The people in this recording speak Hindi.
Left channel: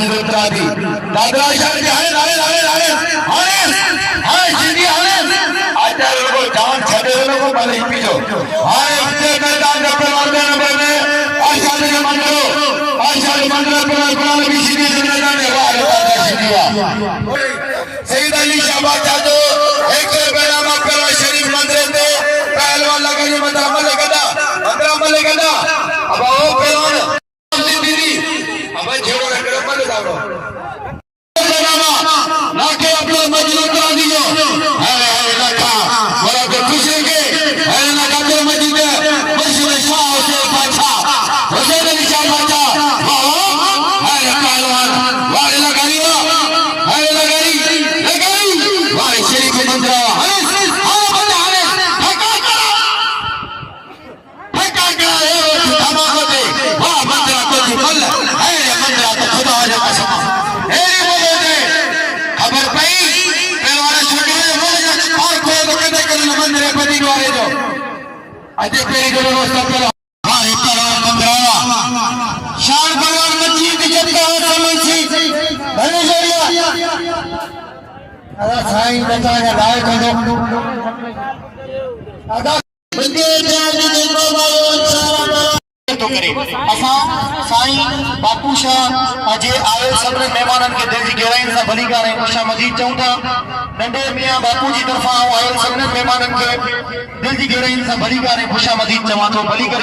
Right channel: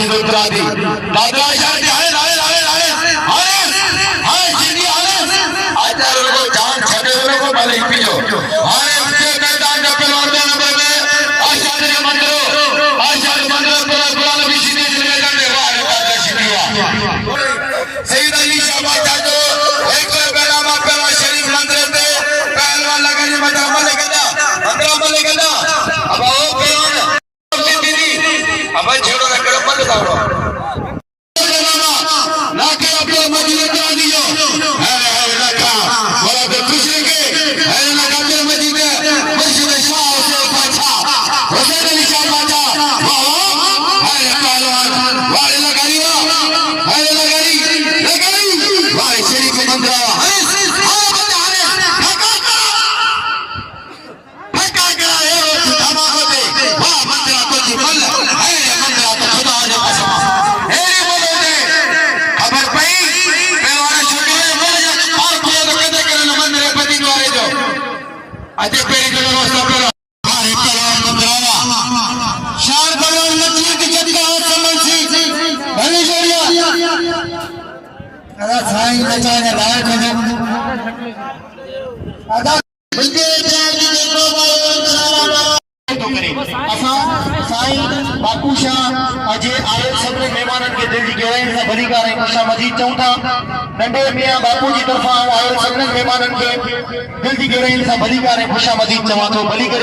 जी उतरा दी दादरा शहर के हरे हरे हरे हरे हरे हाय जिंदगी हरे आचार लोगों जान छड़े लोगों भले ही पियो हाय इसके मैदान में पहलवानों ने बोले आशाद के मंदिरों पर पहलवान की सीधी से लगाने वाले बात सीधी सईद अली शाबाश जादो एक बेरा में पहलवान शरीफ मंदिर पे पहलवान लगे ये मंदिर लेगेदा अब वो पहलवान अब छोड़ो कर बंद करो ना के अपने मस्जिद का दियो अरे रखा बोला तो खुश के अरे ना का मस्जिद मस्जिद शाह से पाछा हुसैन अली शाह पाछा अरे पहलवान वाले लगाई वाले शरीफ मंदिर अजय पेरी को व्यवस्था करो हां पहलवान मंगरावा शान पहलवान मिट्टी की जद का समझी भले जोरिया अदा साईं बचा ने लाओ को अदा तो करे असा साईं बापू शाह अजे आयल सभई मेहमानन के दिल जी गहराई से भली करे खुशा मजीद चऊं था नंढे मियां बापू जी तरफा आयल सभई मेहमानन के दिल जी गहराई से भली करे खुशा मजीद चवां तो भली करे।